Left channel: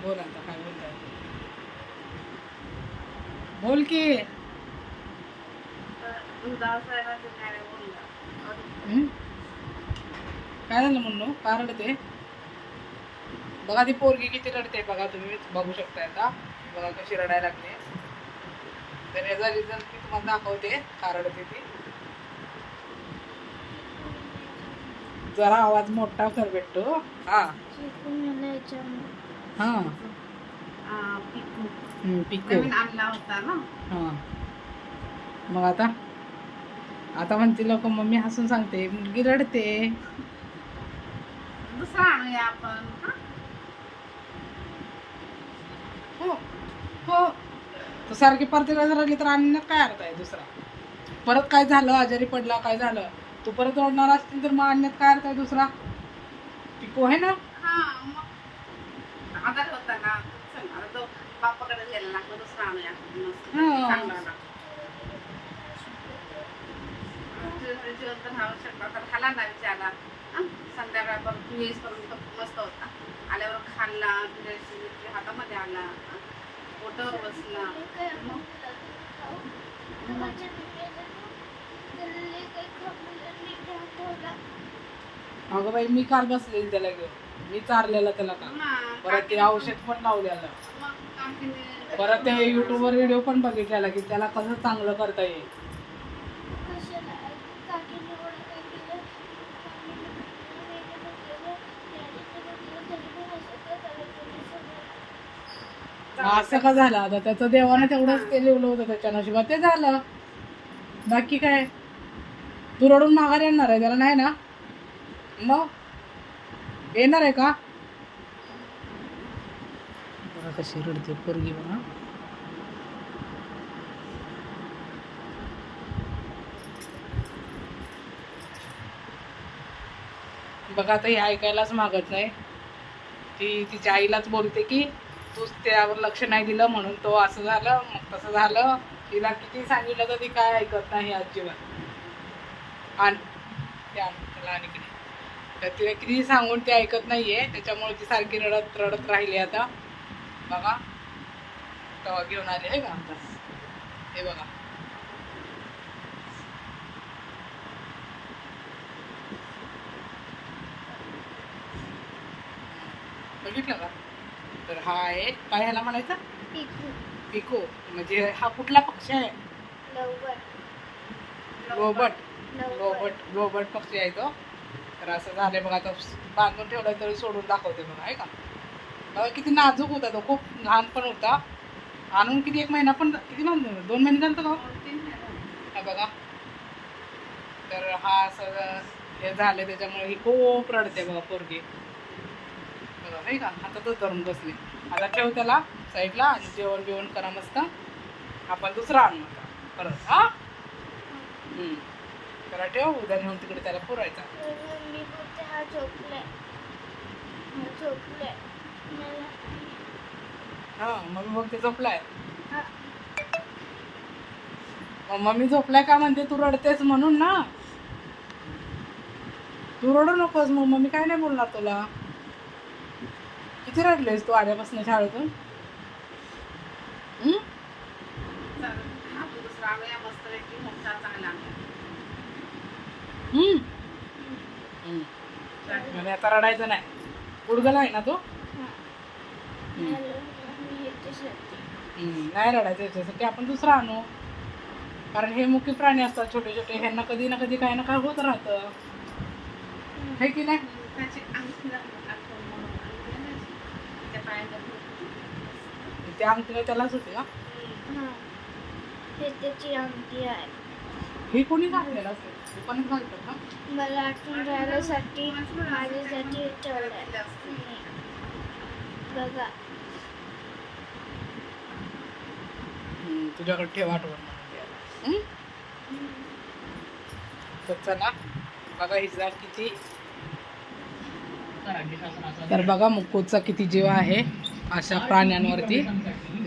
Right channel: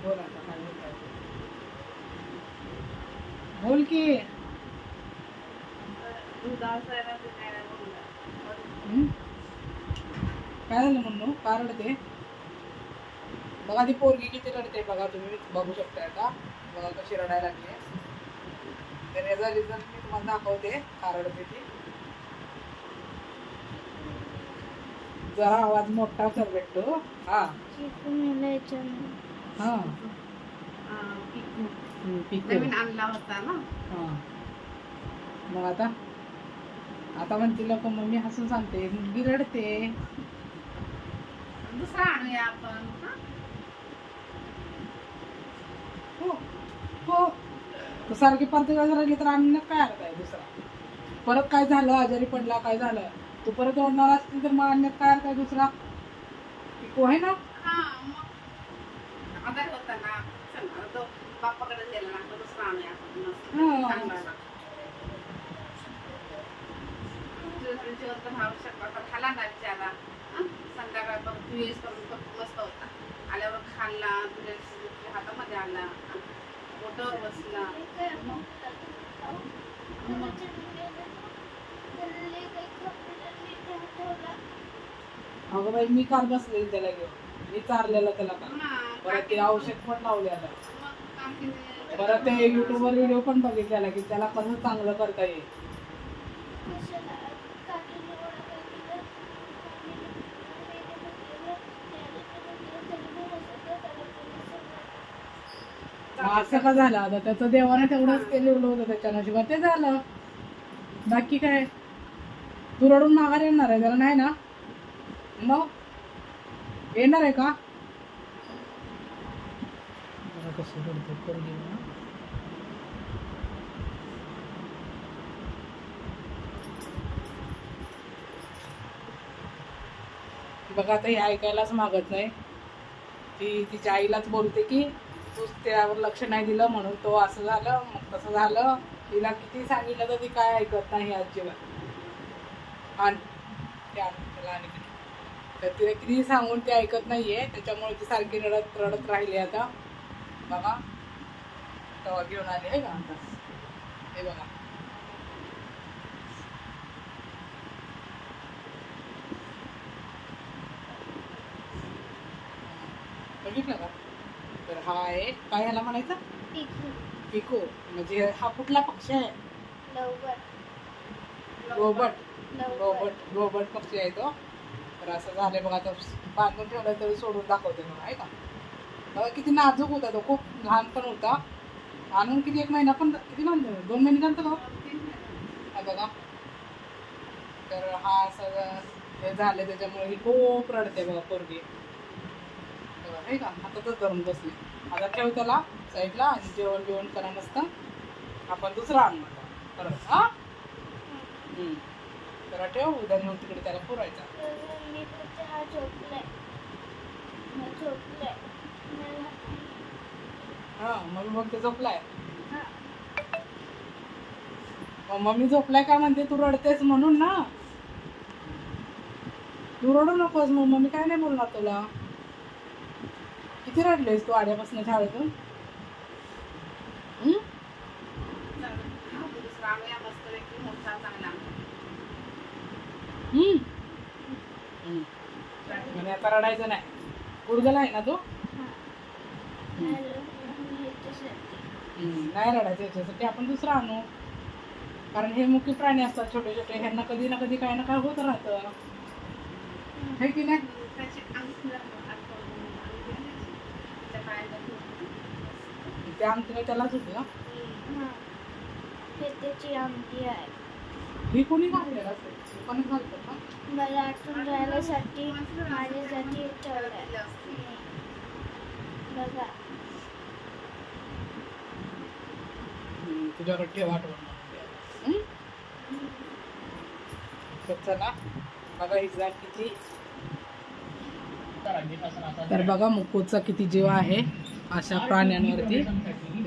बोल आता काय बोलताय? बोल की. काय झालं म्हणून का रडते? बघा ती पोरगी किती रडते बघा तुम्ही बघू शकताय का बघा कशी रडायला लागते तर याचा रिझन मी तुम्हाला दाखवते का रडते ती. जरा आवाज मोठा कर भेटतो हा. हा नवीन आणला होता ना? हा. मग आता? आता म्हणते लोक मम्मी हसून सांगते मुलगी रडते. दुसरा आणूया आपण हा? हो तू सारखी वेळेस रडली तर आणण्यात काय अर्थ आहे दुसरा? परत काय झालं? आजारी पडला काय झालं? तू परत ओढणार असतील तर मग आणण्यात काय अर्थ आहे दुसरा? पिको आहे ना? आजारी होता ना तो बापाकडे गेला ना तो. चांगला तर खाला ना विचारला? संध्याकाळपर्यंत तू येईसपर्यंत तो मस्त होता आल्यावर खाल्ला हातामध्ये बोटावर बसला अगं बाई मी काल बसलेली त्याला घेऊन मी चारलेलं त्याला का परत ते औषध पण लावलेलं परत ते युट्यूबवर व्हिडिओ पण बघितलेला की त्याला कसं चांगलं करता येईल. असं का झालं? आता त्याचं देवाने तेवढंच ते लिहिलं होतं त्याच्या नशिबात. ते झालं. बाकी काय? तू रडून माघार येणार आहे त्याला नाही ना? मग? येणार आहे का? कशी रडते पोरगी बघा बघा आता ही ऐकायलाच मागत नाही. ती तिच्या आईलाच बोलते की तूच त्यावर लक्ष नाही दिलं म्हणून तो असं झालं मग तसं झालं. तिला किती सांगितलं तर ती काय ऐकत नाही अजिबात आण ते आण आणि तर तिला किती सांगून ते ऐकत नाहीये. त्याच्यामुळे ती सारखी रडत रडत राहिली आता. बघा. तेव्हा घेऊन आले आहे का? हे बघा. बघितलं का? तर हा आहे काय ह्याला म्हणायचं? पिको. म्हणजे हा कुठला पक्ष आहे? गोबट गोबट गोबट पक्षी आहे तो. तर असं झालं बघा आता बांधून ठेवलं तरी सोडून दाखवते बघा आहे का? किती नाजूक होता तो खूप लहान पण होता. आणून किती एक महिना पण किती महिने दोन महिने झालं का हा बघा. तर हा सगळं हे झालं त्याच्यामुळे ही खूप रडते बघा पोरगी. बघा नाही का? हातातच धरून बसली. आता ठेव त्याला साईडला आणि जेवण जेवण करा मस्त. आपण दुसरा आणू. आता परत हा? हम्म. जरा ठेव उद्या नेऊन तिकडे त्याला पुरायचा. हा मग मग ते झोपलाय. मम्मी झोपलाय का म्हणते तू रडतेस म्हणून ना. तू रडू नकोस मग मम्मी काय नाही बोलणार तुला. किती रडलेस तू आल्यापासून शाळेतून? आता रडायचं नाही गुडगला आहे ना तो. नाही रडायचं याच्यासाठी आपण दुसरा आणू. कारण हे मुख्य प्राणी असतात छोटे छोटे. ह्यांना कधी ना कधी काय ना काय होत राहतं. हे की नाही? ते आमच्या त्यालाच होते ना? त्याची आमटी आहे हे कोणी घातलेलं असेल? कोणी घालतं का? मला आठवण राहण्यासाठी माझ्यासाठी ठेवलं बघा. तुझ्याकडे ठेव आठवण? तर चला बघा हिचा किती. तर बघा मुक्कोचा किती जीव आहे अशा प्राण्यांवरती.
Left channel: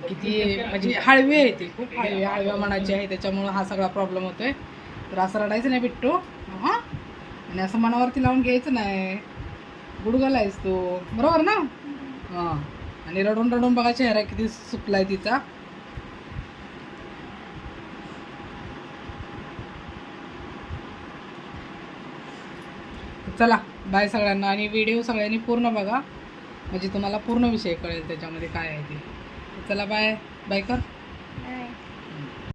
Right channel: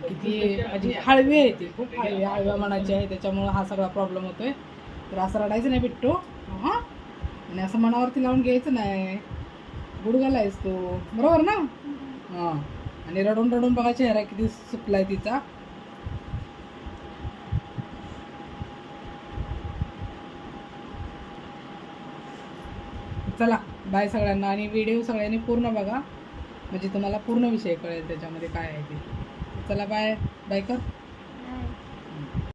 किती म्हणजे हळवी आहे ती खूप हळवी हळव्या मनाची आहे त्याच्यामुळं हा सगळा प्रॉब्लेम होतोय. तर असं रडायचं नाही बिट्टू. हां? आणि असं मनावरती लावून घ्यायचं नाही. गुडगाला आहेस तू. बरोबर ना? हां. आणि रडून रडून बघा चेहरा किती सुकलाय तिचा. चला बाय सगळ्यांना. आणि व्हिडिओ सगळ्यांनी पूर्ण बघा. म्हणजे तुम्हाला पूर्ण विषय कळेल त्याच्यामध्ये काय आहे ते. चला बाय बाय कर.